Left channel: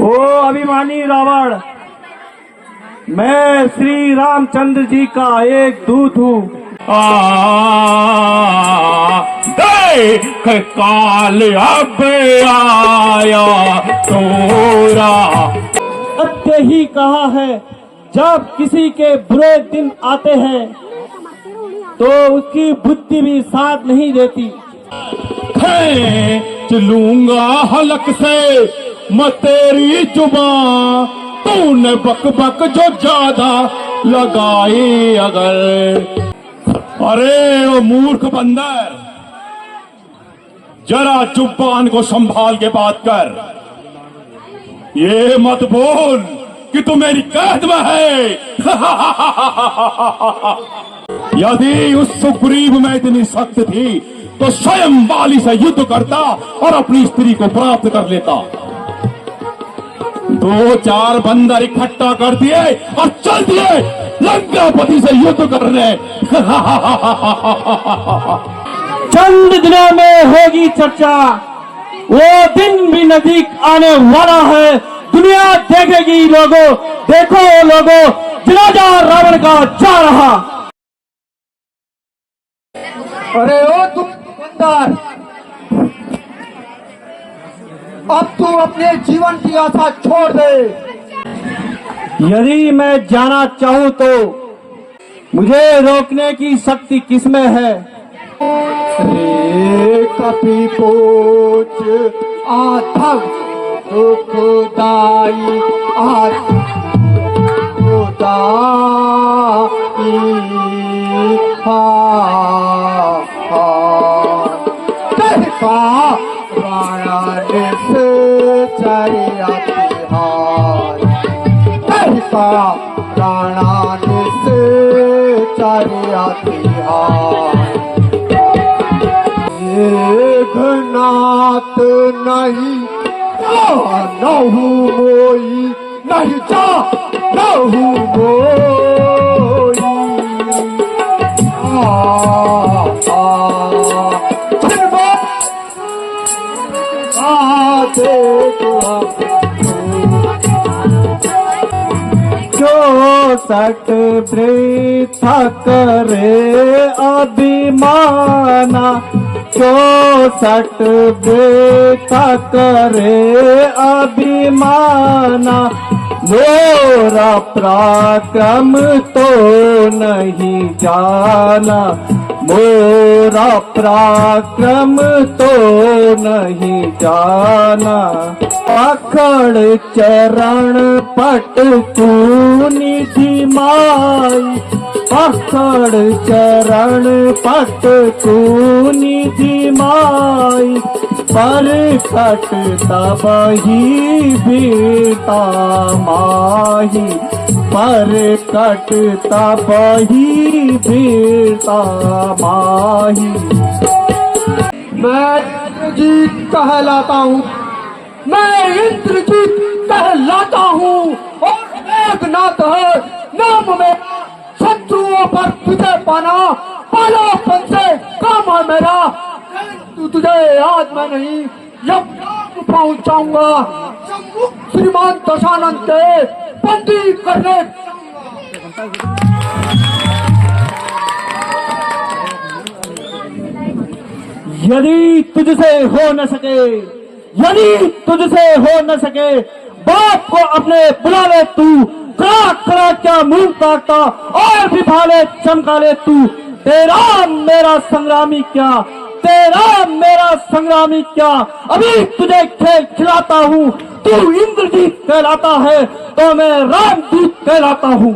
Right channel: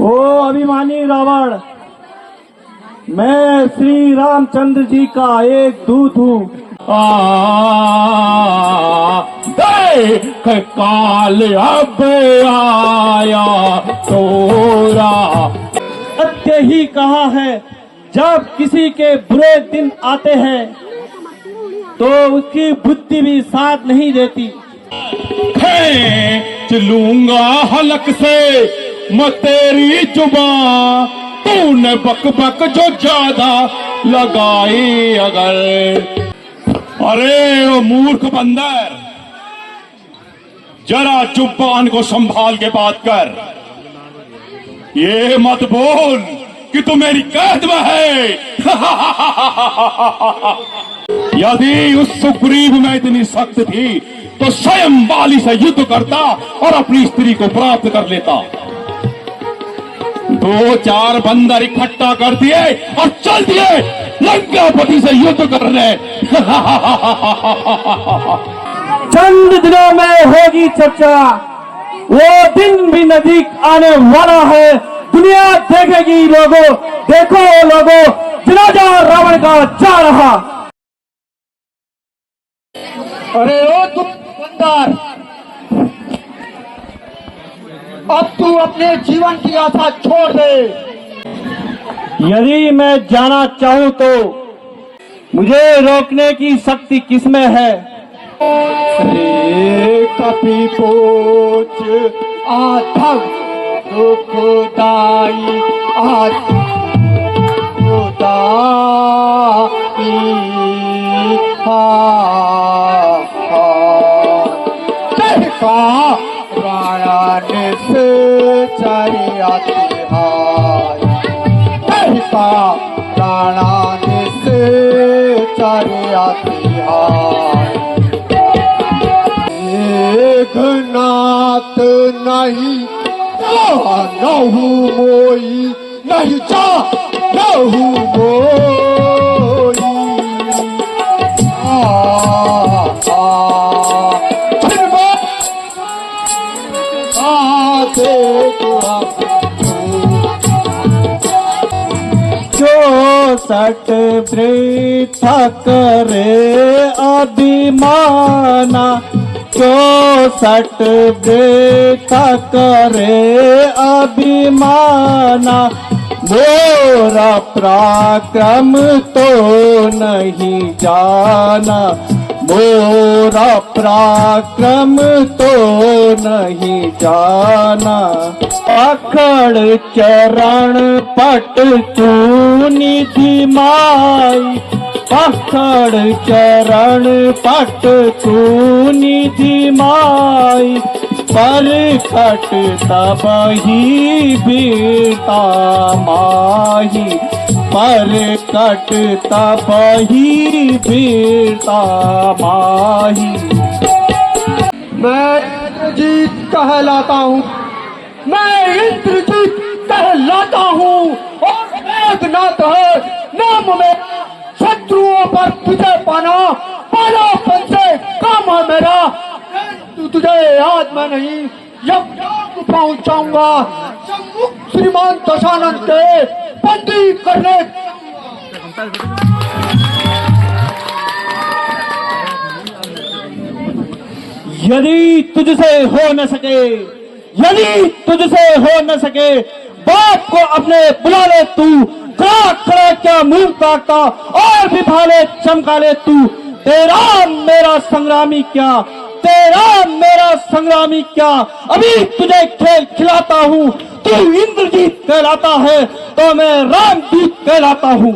ओ अभिमानी रावण, मैं श्री रामचंद्र जी का एक दूत हूँ। देख काल अब आया तोरा। सत्य ही कहा है, जब किसी के बुरे दिन आते हैं तो उसकी बुद्धि भी साथ नहीं देती। खींच लूंगा हलक से मैं तेरी जुबान, तूने बक बक जो ज्यादा लगाई अगर। अरे वो मूर्ख बंदर, जरा जुबान को संभाल के बात कर। ये मत बोल कि तू मेरी कैद में है। यदि उस सुग्रीव में इतनी शक्ति थी तो स्वयं बाली से युद्ध करता और अपनी स्त्री को प्राप्त कर लेता। दो चार बंदर इकट्ठा कर दिए और चल दिए लंकापति से युद्ध करने। चंद दिनों में होगी चर्चा, वो दिन भी नजदीक आने वाला है। दुनिया देखेगी लोगों, देखो लोगों, जनाजा रावण का जा रहा। अरे ओ तुम बंदर, अब तू अपने जीवन की आशा छोड़ दे। यदि मैं जाना चाहूं तो मुझे रोकने की शक्ति किसमें है? कपि पोच आधम दुखदाई नाथ नहीं नहु मोई, नहीं जा नहु मोई। जो सट वृथा करे अभिमाना, जो सट वृथा करे अभिमाना, मोरा पराक्रम तो नहीं जाना, मोरा पराक्रम तो नहीं जाना। अखड़ चरण पट तू निधि माई, अखड़ चरण पट तू निधि माई, पर कट तबही बीता माही, पर कट तबही बीता माही। मैं इंद्रजीत कहलाता हूँ, मैं इंद्रजीत कहलाता हूँ और मेघनाथ है नाम मेरा। शत्रुओं पर तुझे पाना पहलापन से काम है मेरा। तुझे आज मैं नहीं यज्ञ पहुंचाऊंगा, श्रीमान दशानंद के बंदी करने। यदि तुझसे हो न सके, यदि तुझसे हो न सके, बाप को अपने बुला ले तू, खड़ा क्या मुंह काटता और भी भाले चमका ले तू। तेरा मेरा संग्रामी क्या, तेरा मेरा संग्रामी क्या, अभी तुझे खेल खिलाता हूँ। तू इंद्रजीत कहलाता है तो मैं रामदूत कहलाता हूँ।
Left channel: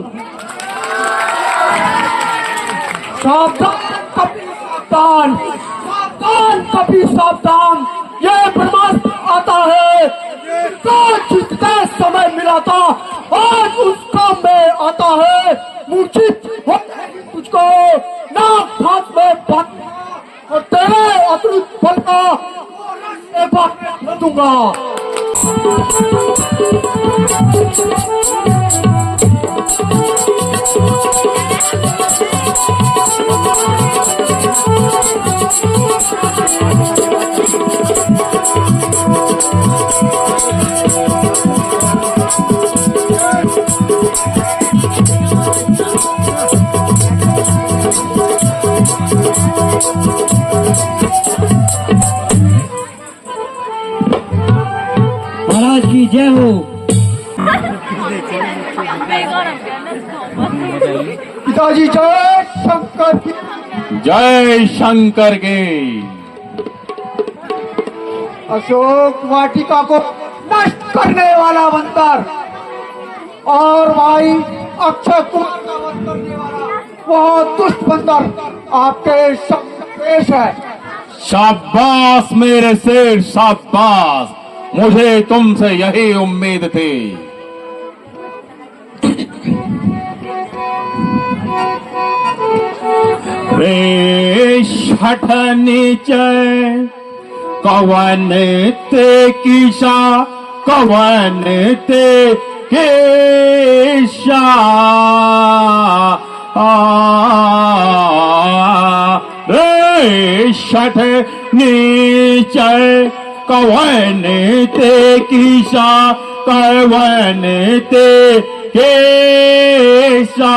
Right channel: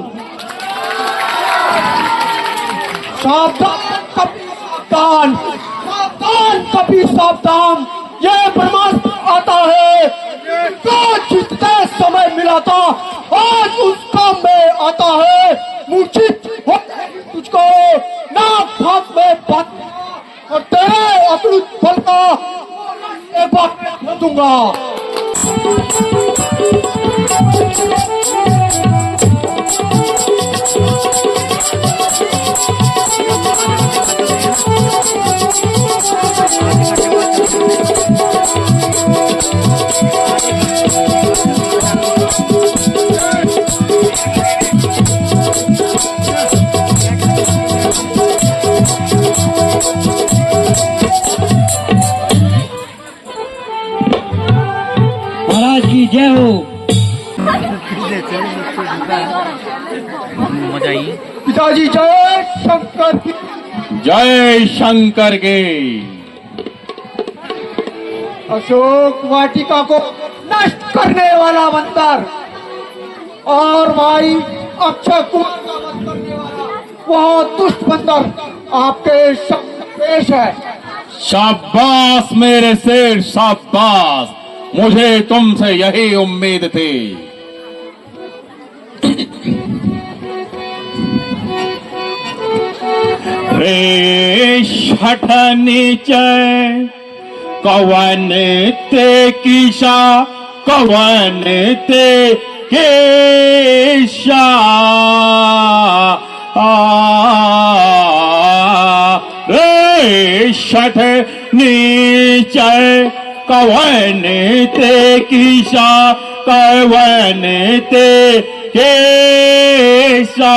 सावधान कपि सावधान, सावधान कपि सावधान। ये ब्रह्मास्त्र आता है, जो जितने समय मिला था आज उस काम में आता है। मूर्छित हो तुझको नाक फांस में बांध और तेरे अतुलित बल का एक बार दूंगा। की जय हो। पिताजी जय शंकर की। जय शंकर के। अशोक वाटिका को नष्ट करने वाला बंदर और भाई अक्षय कुमार का वध करने वाला वह दुष्ट बंदर आपके सामने पेश है। शाबाश मेरे शेर, शाबाश, मुझे तुमसे यही उम्मीद थी। रे शठ नीचे कवन ते किशा, कवन ते केशा, रे शठ नीचे कवन ते किशा, कवन ते केशा,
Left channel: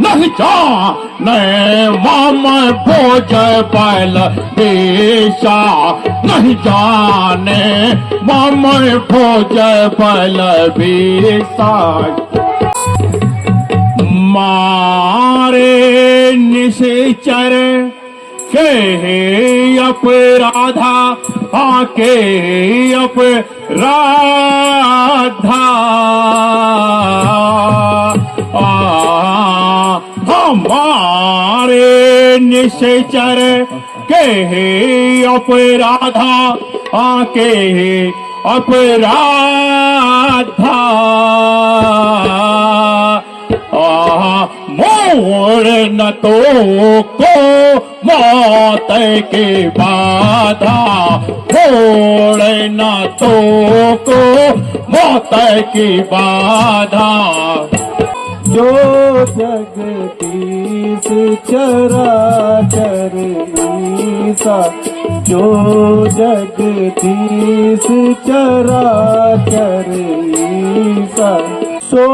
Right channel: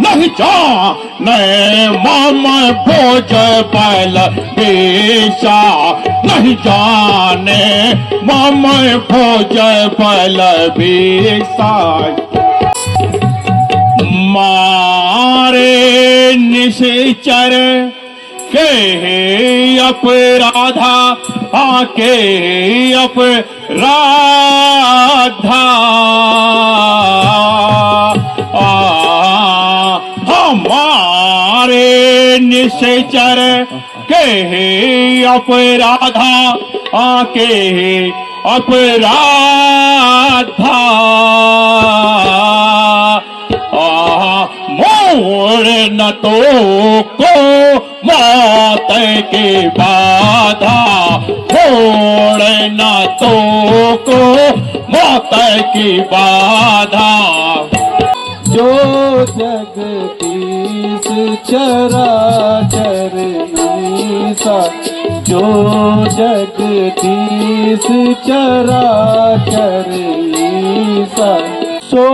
नहीं जाने मम भोज बल बेशा, नहीं जाने मम भोज बल बेशा, मारे निश्चर के अपराधा, आके अपराधा, हमारे निश्चर के अपराधा, आके अपराधा, मोड़ न तो को मौत की बाधा, मोड़ न तो को मौत की बाधा, जो जगदीश चराचर ईसा, जो जगदीश चराचर ईसा, सो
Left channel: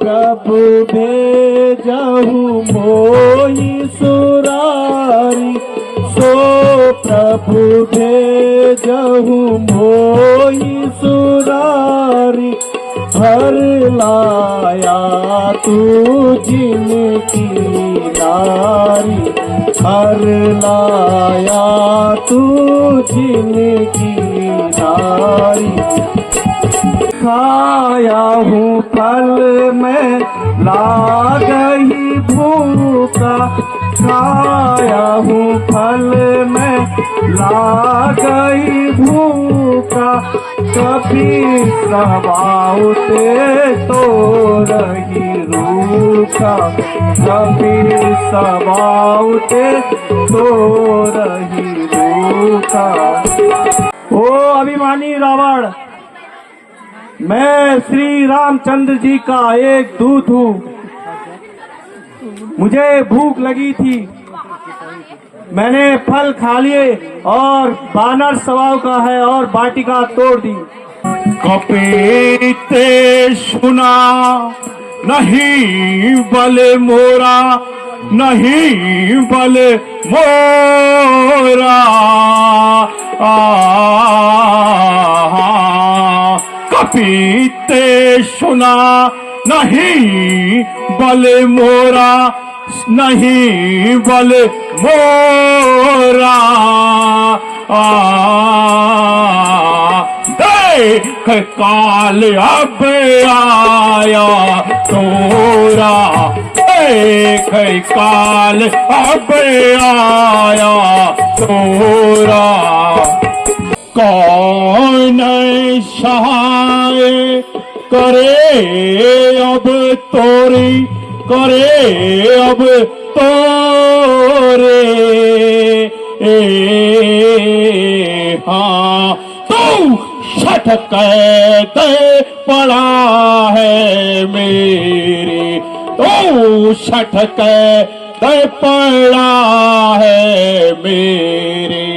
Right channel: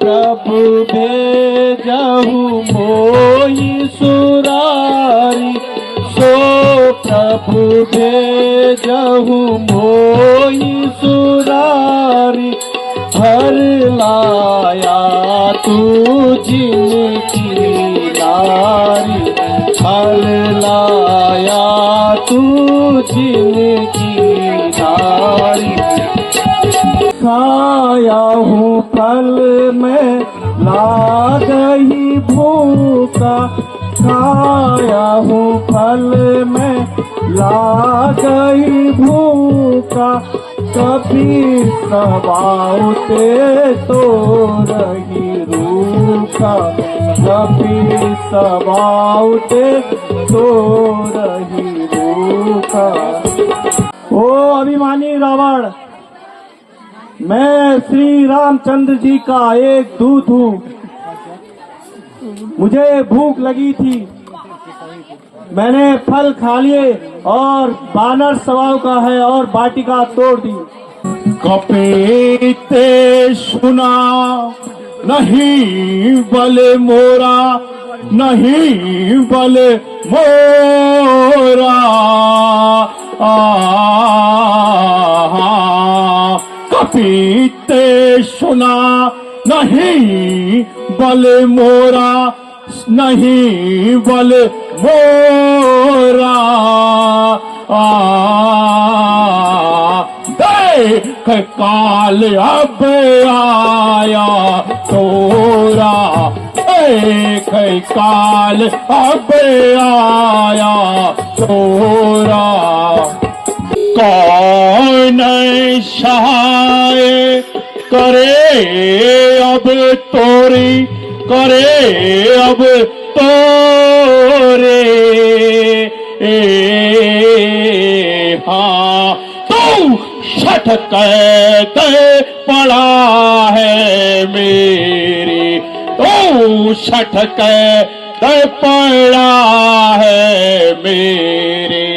प्रभु भेजहु मोहि सुरारी, सो प्रभु भेजहु मोहि सुरारी, भर लाया तू जिनकी नारी, भर लाया तू जिनकी नारी, खाया हूँ फल में लागही भूखा, खाया हूँ फल में लागही भूखा, कभी सवाउते तो रही रूखा, कभी सवाउते तो रही रूखा। ओ अभिमानी रावण, मैं श्री रामचंद्र जी का एक दूत हूँ। मुझे भूख लगी थी, मैंने फल खा लिए और बानर स्वभाव का है और वाटिका तोड़ दी। कपीते सुना नहीं बल मोरा, नहीं बल मोरा, कपीते सुना नहीं बल मोरा, नहीं बल मोरा, देख काल अब आया तोरा, देख काल अब आया तोरा, कौन सहाय करे अब तोरी, करे अब तोरे, हाँ तू छटक के पड़ा है मेरी, तू छटक के पड़ा है मेरी,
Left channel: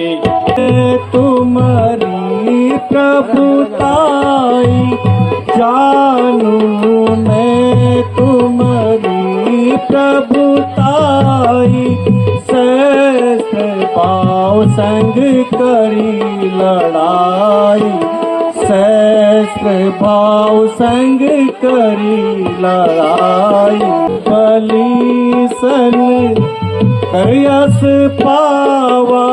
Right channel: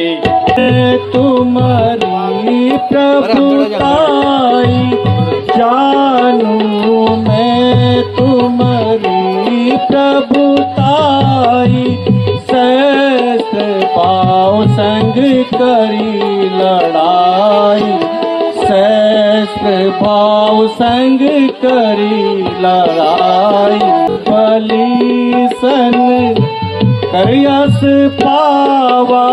तुम्हारी प्रभुताई जानू मैं, तुम्हारी प्रभुताई सहस्त्र पाँव संग करी लड़ाई, सहस्त्र भाव संग करी लड़ाई। बलि सन करयस पावा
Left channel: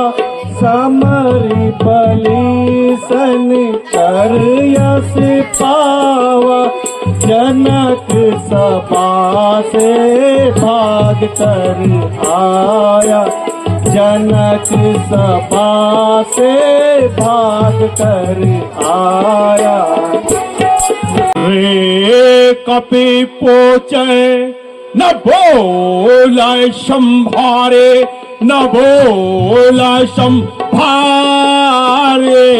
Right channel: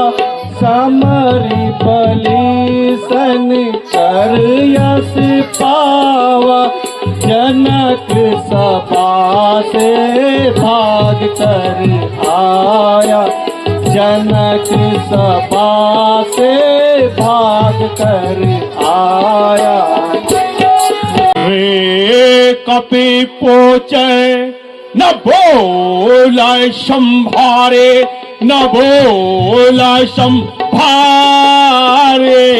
समरि, बलि सन करयस पावा। जनक सभा से भाग कर आया, जनक सभा से भाग कर आया। रे कपि पोचे न बोला संभारे, न बोला संभारे।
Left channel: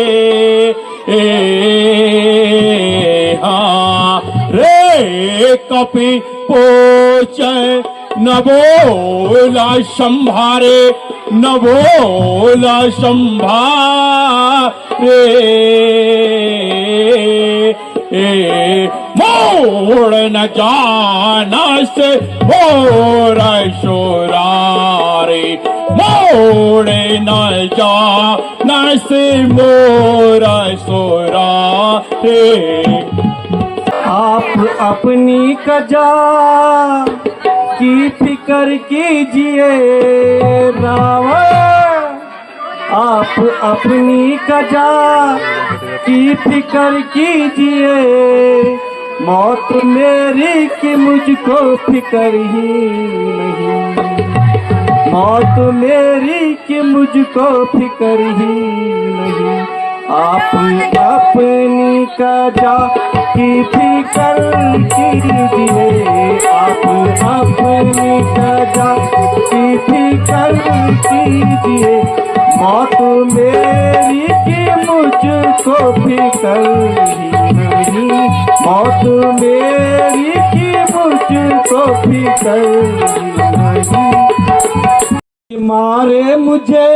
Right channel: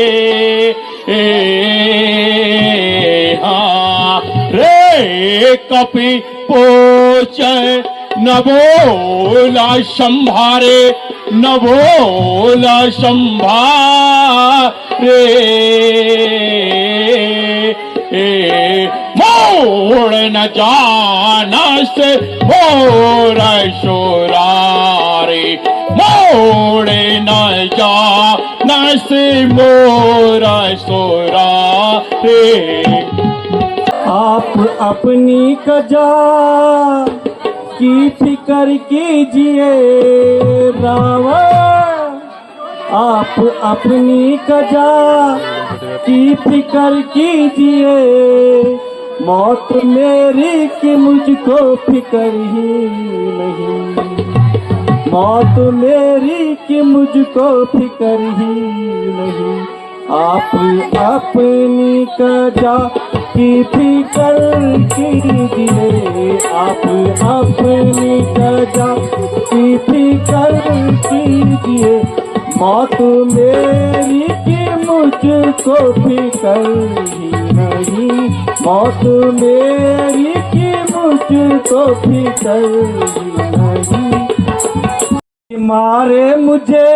हाँ रे कपि पोचे न बोला संभारे, न बोला संभारे। मोड़ न जाना से मोर शोरारे, मोड़ न जाना से मोर शोरारे। आप अपनी कजा की फिक्र कीजिए रावण, आप अपनी कजा की फिक्र कीजिए। मौत मेरी कि मुझको फिक्र ही नहीं, मौत मेरी कि मुझको फिक्र ही नहीं। आप अपनी कजा की फिक्र कीजिए, आप अपनी कजा की फिक्र कीजिए। मौत मेरी कि मुझको फिक्र ही नहीं, मौत मेरी कि मुझको फिक्र ही नहीं। मारे मुझे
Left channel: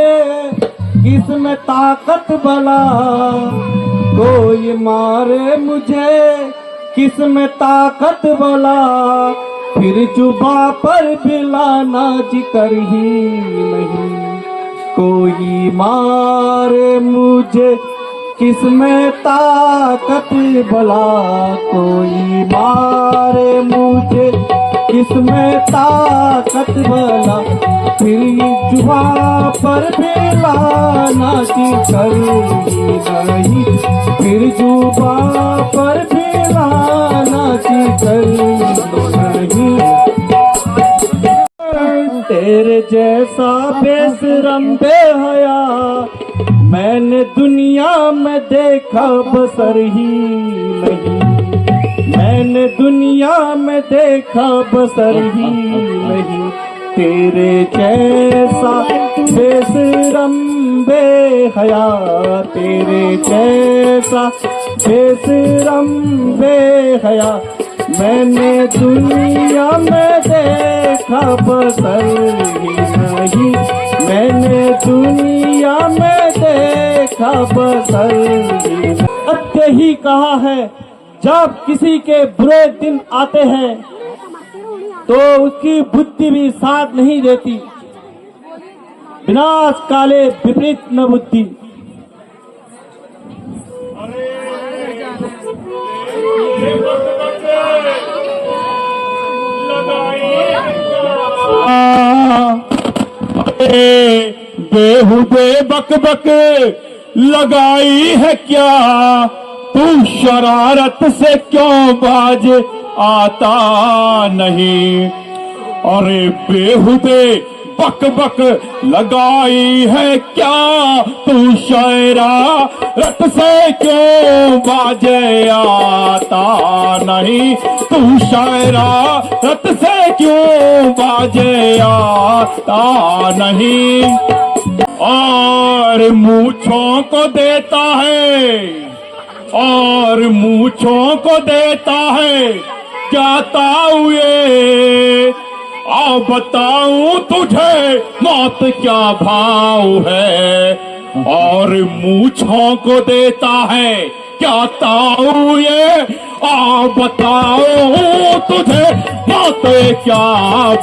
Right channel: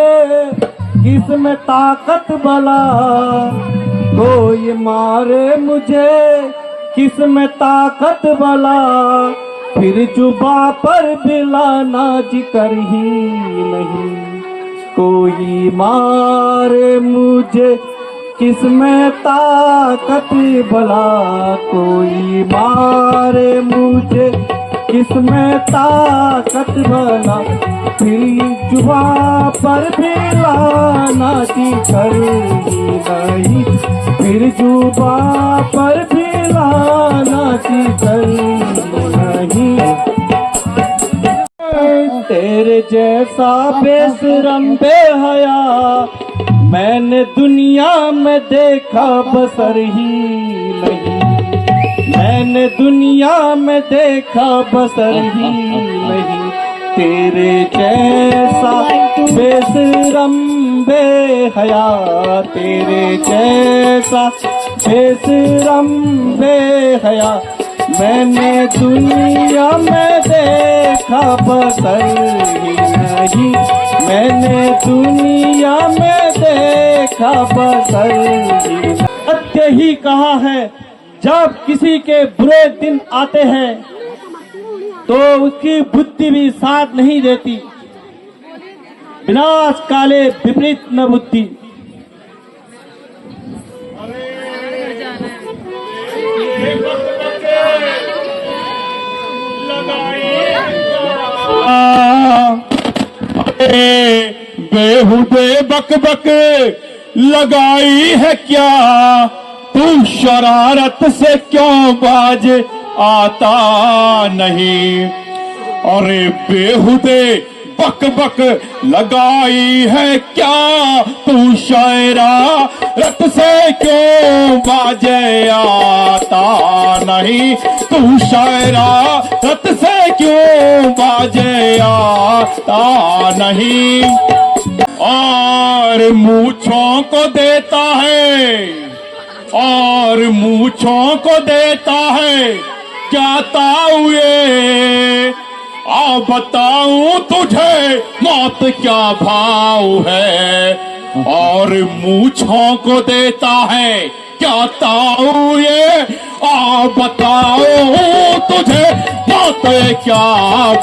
किसमें ताकत भला, कोई मारे मुझे किसमें ताकत भला। फिर जुबा पर बिलाना जिक्र ही नहीं, कोई मारे मुझे किसमें ताकत भला। कोई मारे मुझे किसमें ताकत भला। फिर जुबा पर बिलाना जिक्र ही नहीं, फिर जुबा पर बिलाना जिक्र नहीं। तेरे जैसा बेशरम बेहया मैंने दुनिया में देखा बसर ही नहीं, मैंने दुनिया में देखा बसर ही नहीं। तेरे जैसा बेशरम बेहया, तेरे जैसा बेशरम बेहया मैंने दुनिया में देखा बसर ही नहीं, मैंने दुनिया में देखा बसर ही नहीं। सत्य ही कहा है, जब किसी के बुरे दिन आते हैं तो उसकी बुद्धि भी साथ नहीं देती। विनाश काले विपरीत न बुद्धि। बेहुदे बक बक लगाई है क्या, तू शरारत से क्यों बाज आता नहीं। अरे बेहुदे बक बक लगाई है क्या, तू शरारत से क्यों बाज आता नहीं। तू शरारत से क्यों बाज आता नहीं। और मूंछों को देता है, और मूंछों को देता है क्या ताऊ ये। आओ बताऊं तुझे मौत क्या भाव है। और मूंछों को देता है क्या ताऊ ये। आ बताओ तुझे बातें क्या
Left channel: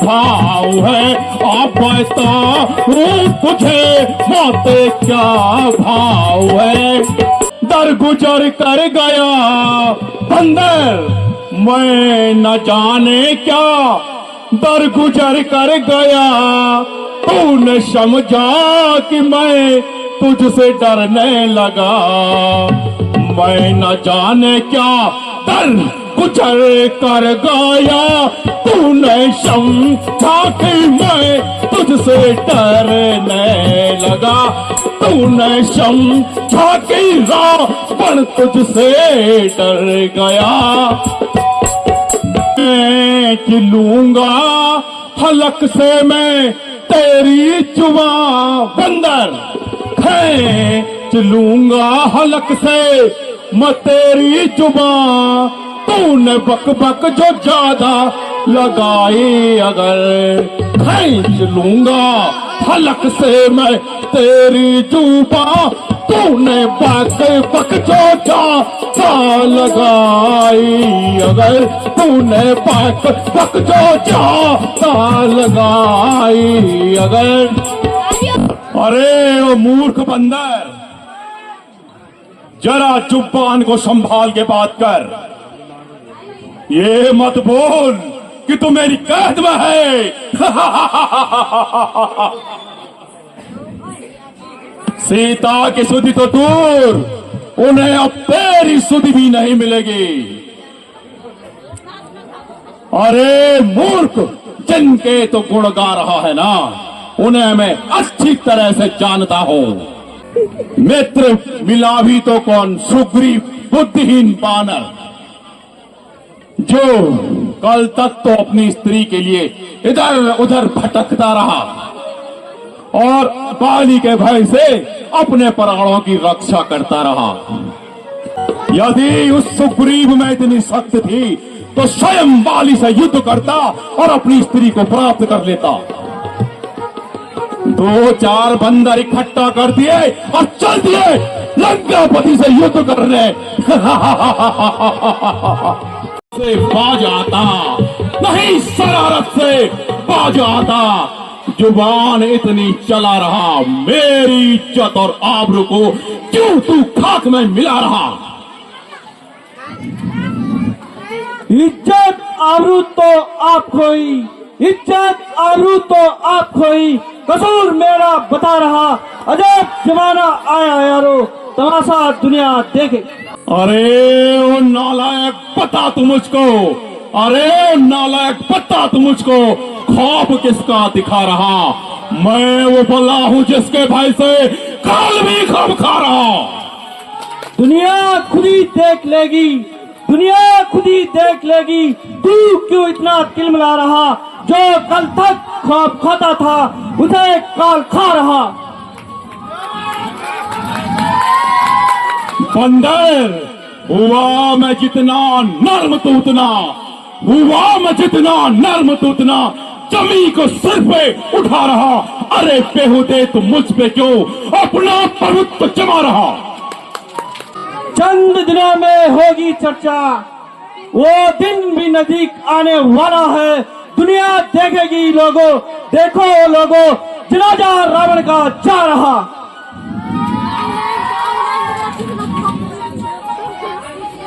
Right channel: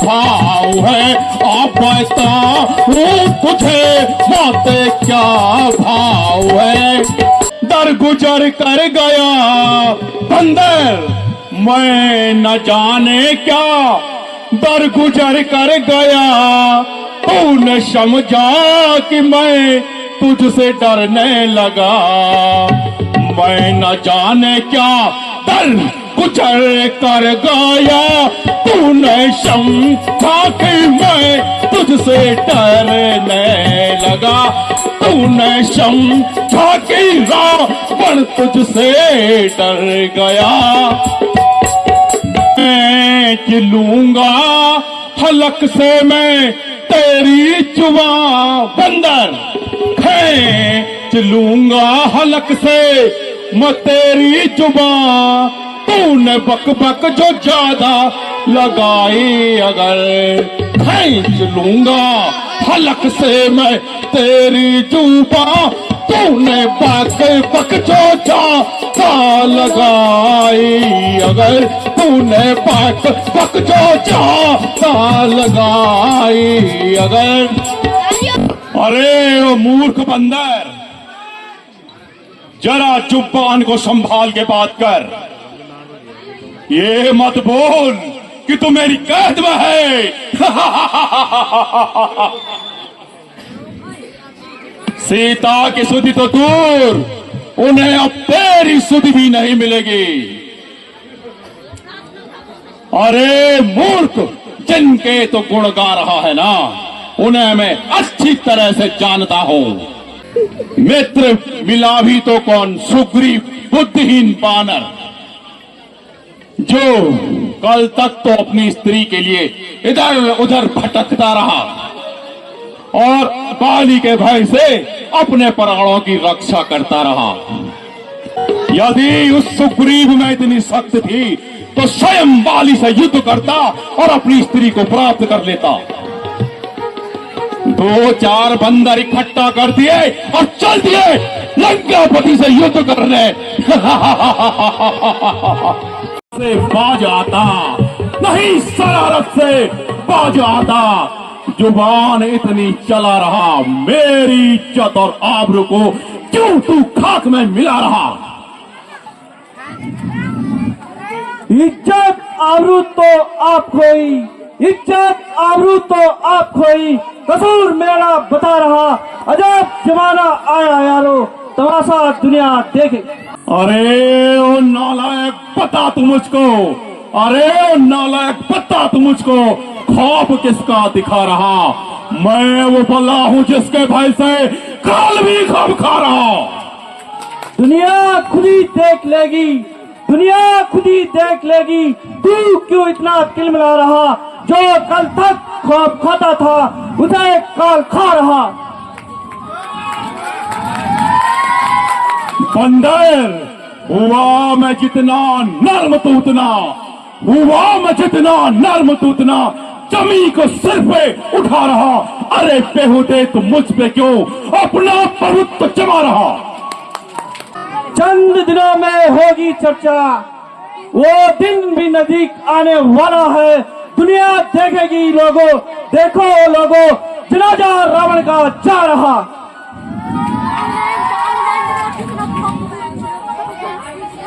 भाव है, आ बताओ तुझे बातें क्या भाव है। दर गुजर कर गया बंदर मैं न जाने क्या, दर गुजर कर गया तूने समझा कि मैं तुझसे डरने लगा। मैं न जाने क्या दर गुजर कर गया तूने समझा कि मैं तुझसे डरने लगा। तूने समझा कि रावण तुझसे डर गया। खींच लूंगा हलक से मैं तेरी जुबां बंदर, खींच लूंगा हलक से मैं तेरी जुबां। तूने बक बक जो ज्यादा लगाई अगर, खींच लूंगा हलक से मैं तेरी जुबां। तूने बक बक जो ज्यादा लगाई अगर, तूने बक बक जो ज्यादा लगाई अगर। अरे वो मूर्ख बंदर, जरा जुबान को संभाल के बात कर। ये मत बोल कि तू मेरी कैद में है। सीता की सुधि तो दूर, उन्हें अब तेरी सुधि भी नहीं मिलेगी। अरे मूर्ख, जिनके तो गुण गा रहा है ना, उन्हें मैं अच्छी तरह से जानता हूं। मित्र मिला भी तो कौन, सुग्रीव बुद्धिहीन बानर, जो कल तक तो अपनी स्त्री के लिए इधर उधर भटकता रहा और बाली के भय से अपने प्राणों की रक्षा करता रहा। यदि उस सुग्रीव में इतनी शक्ति थी तो स्वयं बाली से युद्ध करता और अपनी स्त्री को प्राप्त कर लेता। दो चार बंदर इकट्ठा कर दिए और चल दिए लंकापति से युद्ध करने। से बाज आता नहीं, शरारत से बाज आता। जुबान इतनी चला रहा, मेरी इज्जत और आबरू को क्यों तू खाक में मिला रहा। इज्जत आबरू तो आपको ही, इज्जत आबरू तो आपको ही, कसूर मेरा बता रहा। अजब जमाना आया यारो, तमाशा दुनिया देखे। अरे ओ नालायक बता तू मुझको, अरे ओ नालायक बता तू मुझको, खौफ किसका दिखा रहा। मैं वो बल्ला हूं जिसके भय से काल भी खौफ खा रहा। दुनिया खुद ही देख लेगी, दुनिया खुद ही देख लेगी। तू क्यों इतना तिलमिला रहा, जो कल तक खौफ खाता था उसे काल खा रहा। बंदर, हुआ मैं जितना नर्म तू उतना, हुआ मैं जितना नर्म तू उतना जमी को सिर पे उठा रहा। अरे बेहुदे तू मुझ पे क्यों अपना प्रभुत्व जमा रहा। चंद दिनों में होगी चर्चा, वो दिन भी नजदीक आने वाला है। दुनिया देखेगी लोगों, देखो लोगों, जनाजा रावण का जा रहा।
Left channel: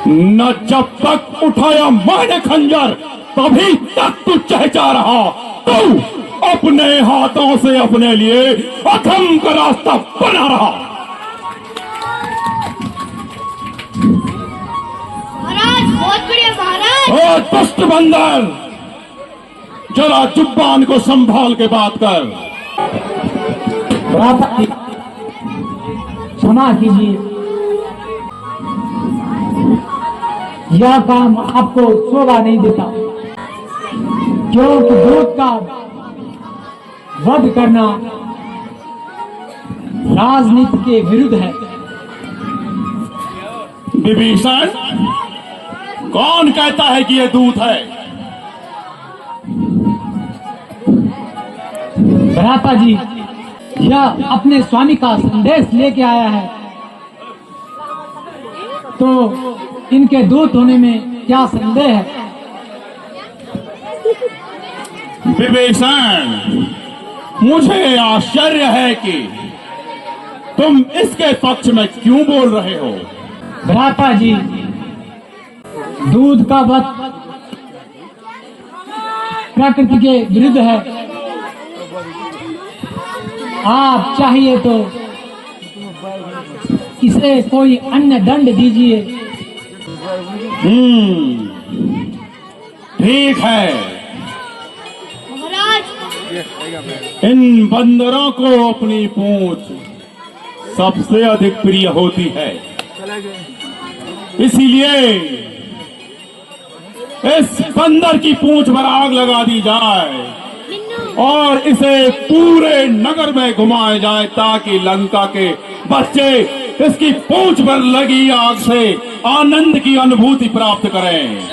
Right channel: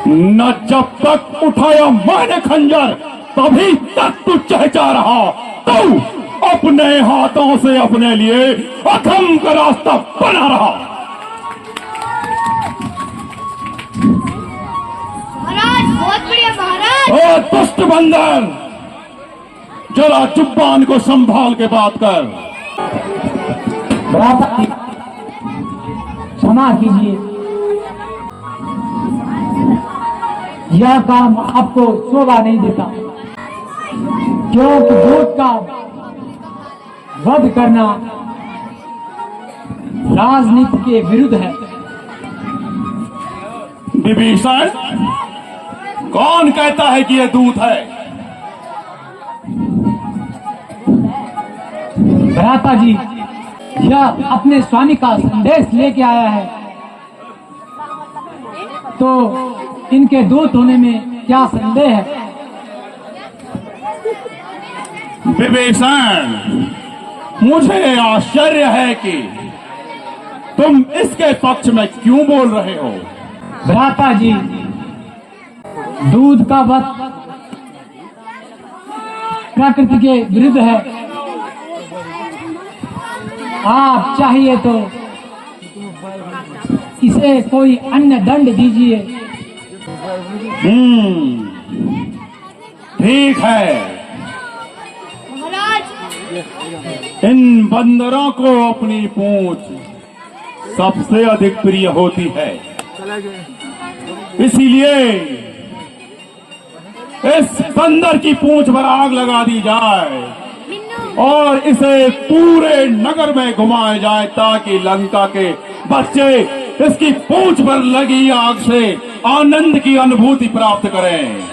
न जब तक उठाया मैंने खंजर तभी तक तू चहचा रहा। तू अपने हाथों से अपने लिए अधम का रास्ता बना रहा। महाराज बहुत बढ़िया महाराज। ओ दुष्ट बंदर, जरा जुबान को संभाल के बात कर। क्षमा कीजिए, यह काम आपको शोभा नहीं देता, क्योंकि दूत का वध करना राजनीति के विरुद्ध है। विभीषण, कौन कहता है कि यह दूत है? भ्राता जी, यह अपने स्वामी का संदेश लेके आया है, तो इनके दूत होने में क्या संदेह है? विभीषण, मुझे आश्चर्य है कि तुम इसके पक्ष में क्यों बोल रहे हो? भ्राता जी, दूध का वध प्रकृति के विरुद्ध है। आप चाहिए तो इसे कोई अन्य दंड दीजिए। ठीक है, महाराज, इन बंदरों को अपनी पूंछ सबसे अधिक प्रिय होती है, इसीलिए इस बंदर की पूंछ पर आग लगा दी जाए और इसे पूरे नगर में घुमाया जाए ताकि लंका के बच्चे इसकी पूंछ पर लगी आग से आनंद की अनुभूति प्राप्त करें।